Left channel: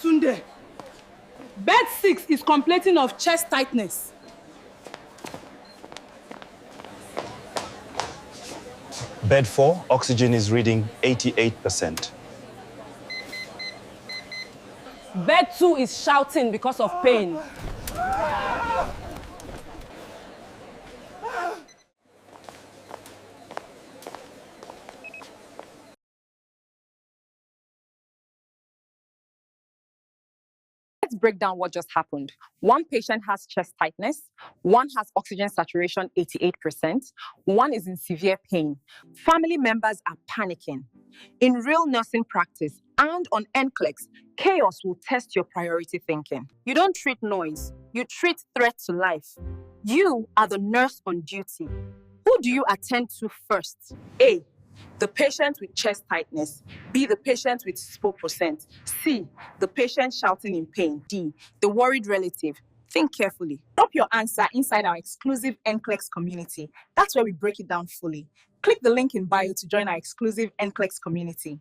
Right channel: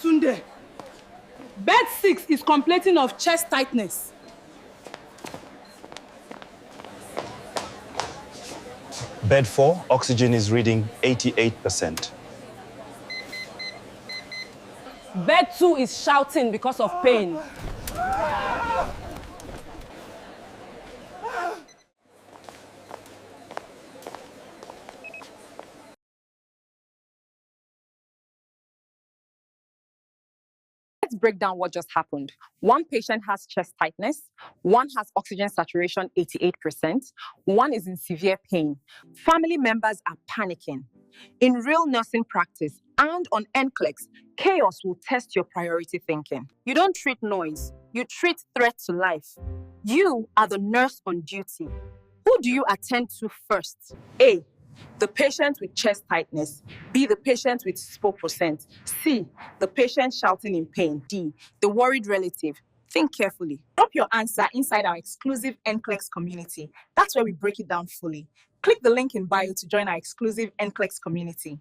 Tunde, bed 6 is complaining of chest tightness. Bed 4, oxygen is reading 88%. Bed 2 is shouting because of pain. Let's break down what just happened. One patient has chest tightness, one has oxygen saturation 88%, one is in severe pain. Family members are panicking. In real nursing practice and on NCLEX, chaos will test your priority thinking. You don't treat noise, you treat threat to life. You are the nurse on duty. Who do you attend to first? A, the patient with chest tightness. B, the patient with 4%. C, the patient shouting in pain. D, the worried relative. Think carefully. Drop your answer inside our exclusive NCLEX community. That's where we break it down fully. Click the link in bio to join our exclusive NCLEX community.